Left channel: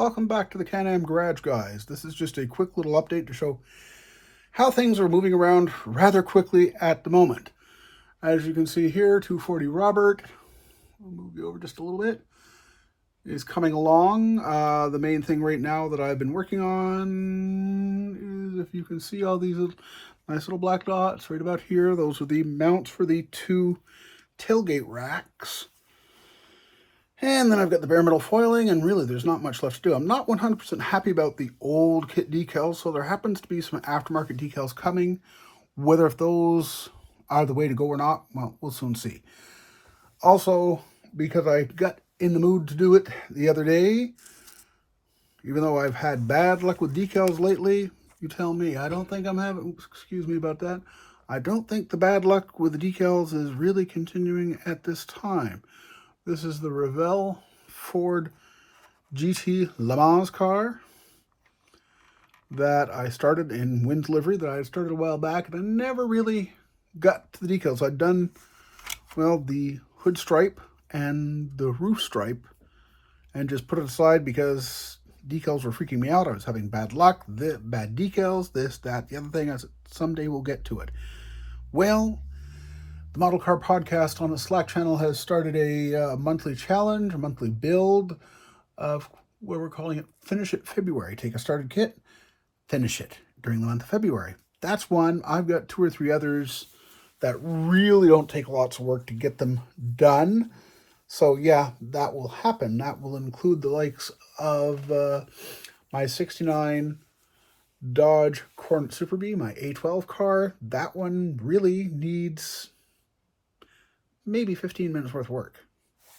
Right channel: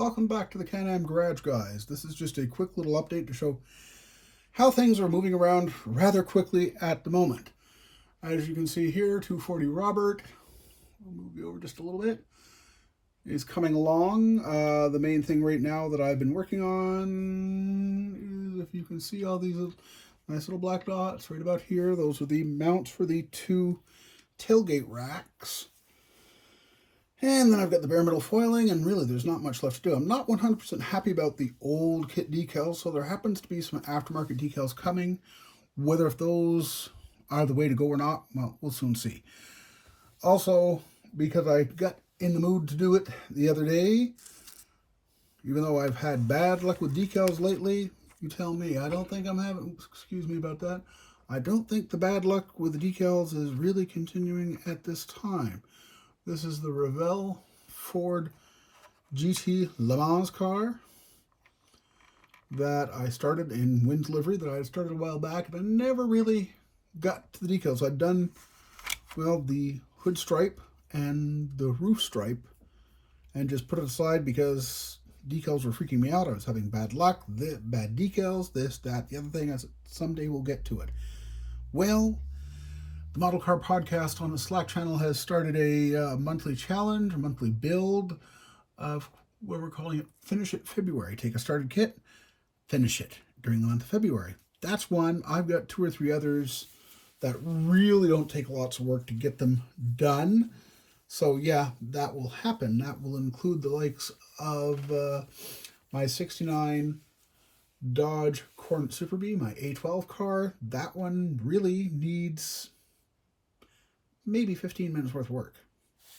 Welcome back to the Can-Am Garage, guys. This is just a quick little update to show how things are moving around rather quickly at the moment. As you can see here, 240 Robert, I'll move you over just a little bit, is coming along. The main thing right now that I've been working on is, if you can see all these nice little black dots right about here, those are the mounts for the two tailgate racks. And then I've got the bare metal foiling, and really there's not much left to do. I'm not 100% happy about the old kit decals, so there happens to be some aftermarket decals coming. Whether if those are the way to go or not, well, we'll soon see. Also, because I got in the mood to do it the other day, even though I've had bad luck with decals lately, you tell me, I don't think I'm having, excuse me about that, I don't think the bad luck with the decals is really continuing at this time. This is the Revell Ford GT Le Mans car that I started in Wynn's livery that I started a while back, and I never really got to the decals. I'd done, well, the hood stripe and the roof stripe and just put it aside because decals were freaking me out. I was having bad luck, bad decals, this, that, the other thing. I said, someday we'll get to it. Well, the Model Car Podcast on the Slack channel has started a monthly challenge, a monthly build of what we're calling it Finish It February. Take a started kit, finish it during the month of February. That's one. I've got two or three others that really don't take lots of work to get them done. So yeah, that will happen. That will include the likes of my 69 Dodge Coronet Super Bee, my A12 car. That one really needs maybe 15 minutes worth of work.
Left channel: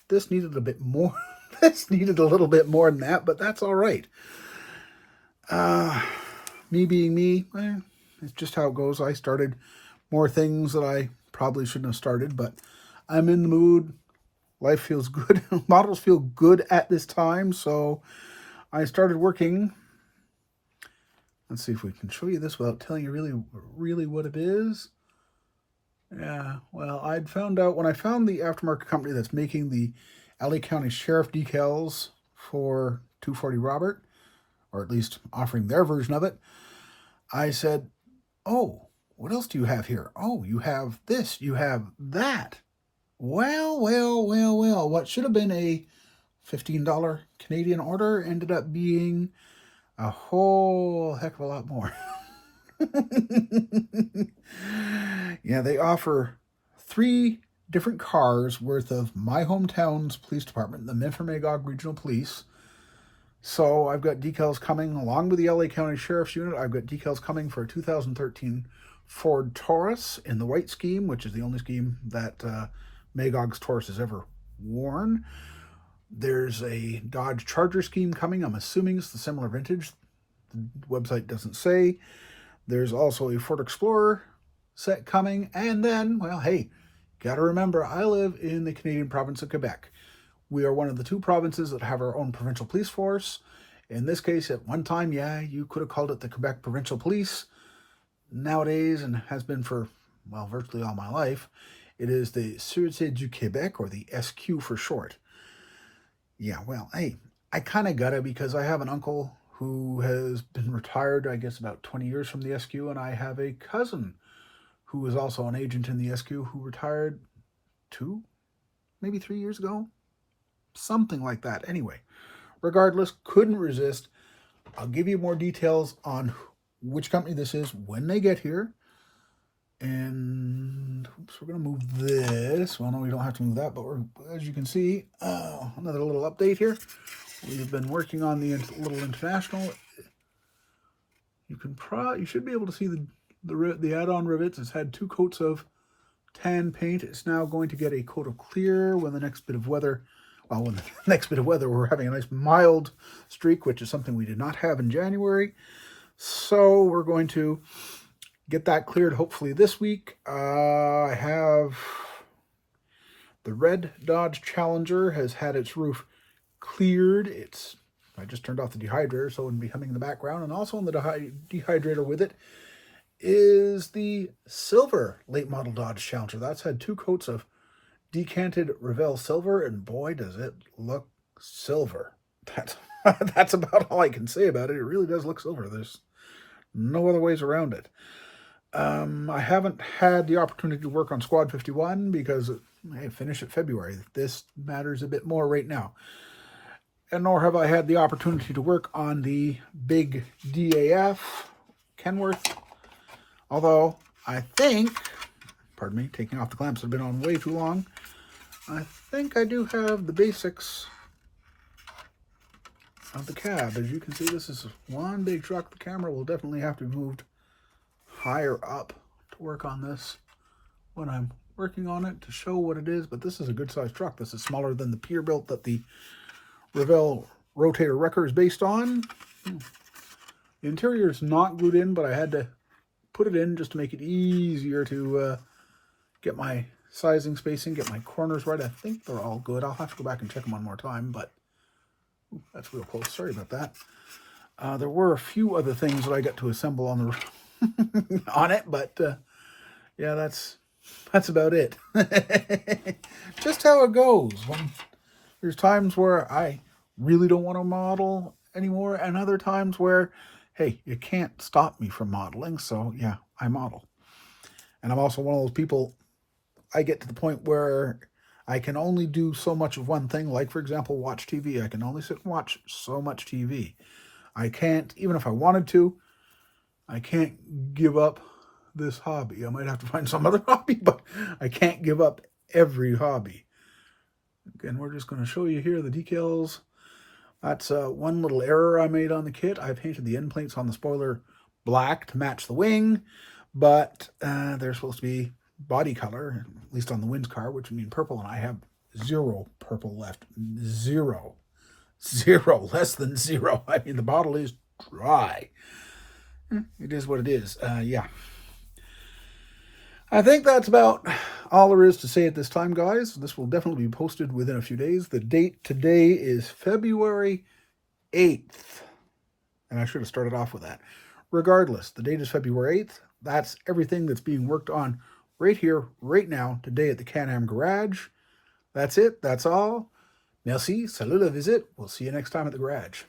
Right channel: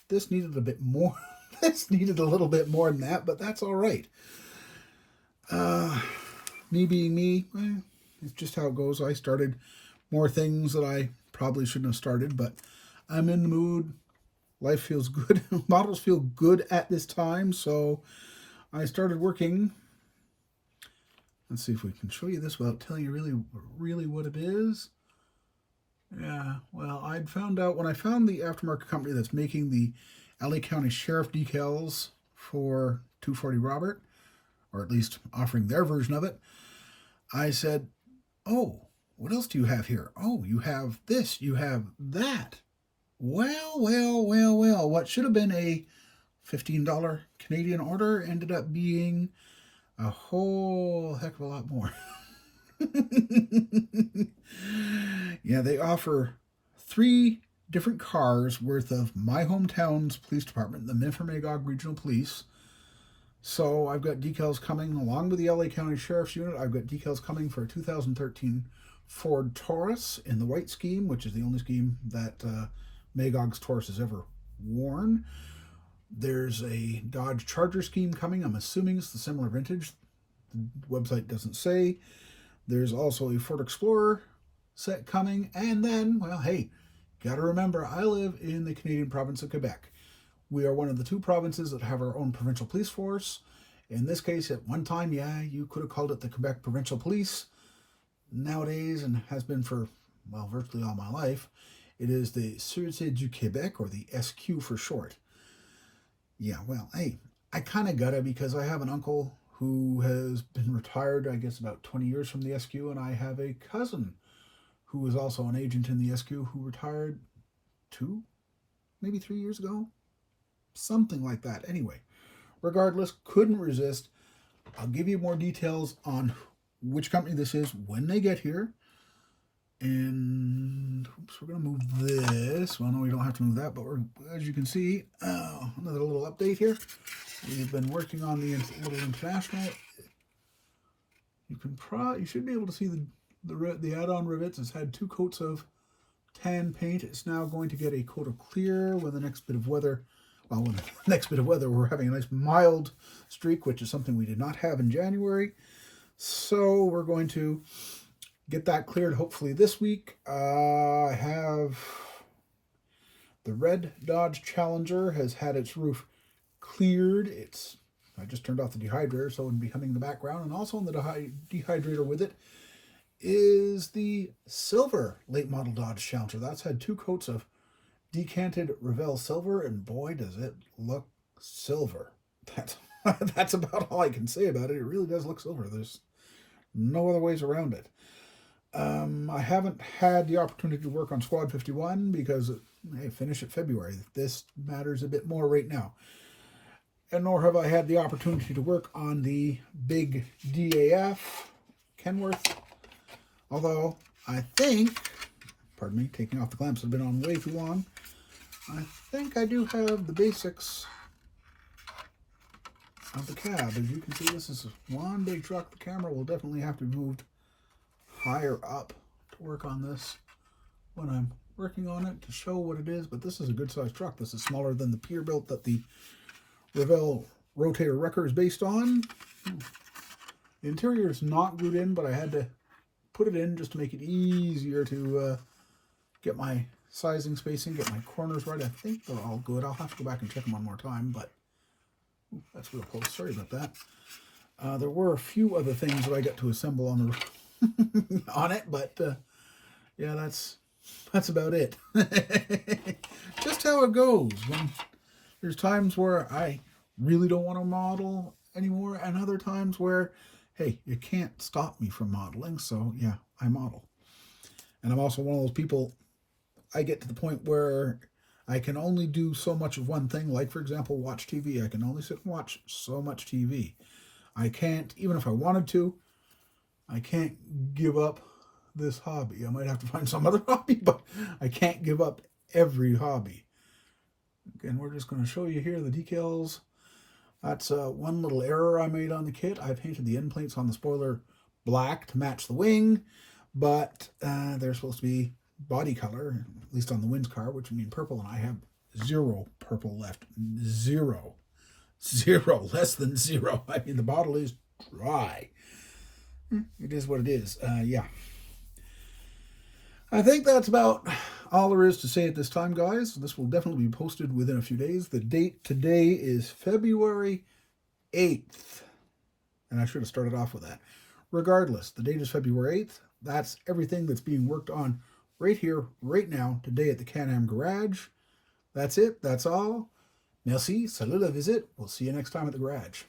This needed a bit more. This needed a little bit more than that, but that's all right. Me being me, it's just how it goes. I started more things that I probably shouldn't have started, but I'm in the mood. Life feels good. Models feel good at this time, so I started working. Let's see if we can show you this without telling you really what it is. Yeah, well, I'd found out when I found the aftermarket company that's making the LA County Sheriff decals for 240 Robert, or at least offering their version of it, I said, oh, what else do you have here? Oh, you have this, you have that. Well, what should have been a $15 Canadian order ended up being a whole heck of a lot more. Yeah, they offer 3 different cars worth of my hometown's police department, the Minford-Magog Regional Police. So I've got decals coming along with the LA County Sheriff's Unit. I've got decals coming for a 2013 Ford Taurus in the white scheme, which is the only scheme that Magog's Taurus has ever worn. There's a Dodge Charger scheme coming. I'm assuming it's the similar vintage. The website doesn't say. There's also a Ford Explorer set coming. And then, well, hey, gotta remember, I live in the Canadian province of Quebec. We are one of the 2 provinces that have our own provincial police force. In this case, at one time, yeah, you could have called it the Quebec Provincial Police. Nowadays, and has been for, well, virtually all my life, it is the Sûreté du Québec, or the SQ for short. Yeah, well, hey, I kind of got it because I have an uncle who has been retired, I guess, about 20 years from the SQ, and I have a cousin who was also an agent in the SQ who retired 2, maybe 3 years ago. Something like that. Anyway, regardless, couldn't resist. I'll give you more details on which company this is when they get here. And oops, we're going to move this. Well, no, we don't have to move that, but as you can see, another little update here. We've been working on the little International. You should be able to see the add-on rivets. It's had 2 coats of tan paint. It's now going to get a coat of clear when the next bit of weather. Well, when the next bit of weather, we're having a nice mild streak, which is something we did not have in January. So we're going to get that cleared hopefully this week. I have the red Dodge Challenger has had its roof cleared. I just turned off the dehydrator, so it wouldn't be coming in the background. And also on the dehydrator with it is the silver late model Dodge Challenger. That's had 2 coats of decanted Revell silver, and boy, does it look silver. That's That's about all I can say about it. It really does look silver. There's no other ways around it. I haven't had the opportunity to work on Squad 51 because I finished it February. This matters a bit more right now. And nor have I had the opportunity to work on the big DAF Kenworth. Although I think, pardon me, taking off the clamps have been on way too long. I think I do have the basics of the cab. As you can see, this is one big truck. The camera will definitely have to be moved higher up to work on this when I'm working on it to show what it is. But this is a good sized truck. This is smaller than the Peterbilt that the Revell rotator wrecker is based on. The interior is not glued in, but I had to put it in just to make it easier to get my sizing spacing, get my corners right. I think they're all good. I'll have to go back and check them one more time, but ooh, that's real close. Sorry about that. There were a few other things that I got to assemble on the on it, but yeah, that's about it. Just how it goes. When there's times where I really don't want to model anymore, and other times where, hey, you can't stop me from modeling, so yeah, I model. And I'm also one of those people, I get to the point where I can only do so much of one thing, like, for example, watch TV. I can only sit and watch so much TV. I can't, even if I wanted to, I can't give up this hobby. I might have to find some other hobby, but I can't give up every hobby. Again, we're just going to show you here the decals. That's one little error I made on the kit. I painted the end plates on the spoiler black to match the wing, but they're supposed to be body color, at least on the Wins car, which would mean purple, and I have 0 purple left. 0. 0. Less than 0. I mean, the bottle is dry. It is what it is. Yeah. I think that's about all there is to say at this time, guys. This will definitely be posted within a few days. The date today is February 8th. And I should have started off with that. Regardless, the date is February 8th. That's everything that's being worked on right here, right now, today at the Can-Am Garage. That's it. That's all. Merci. Salut la visite. We'll see you next time at the garage.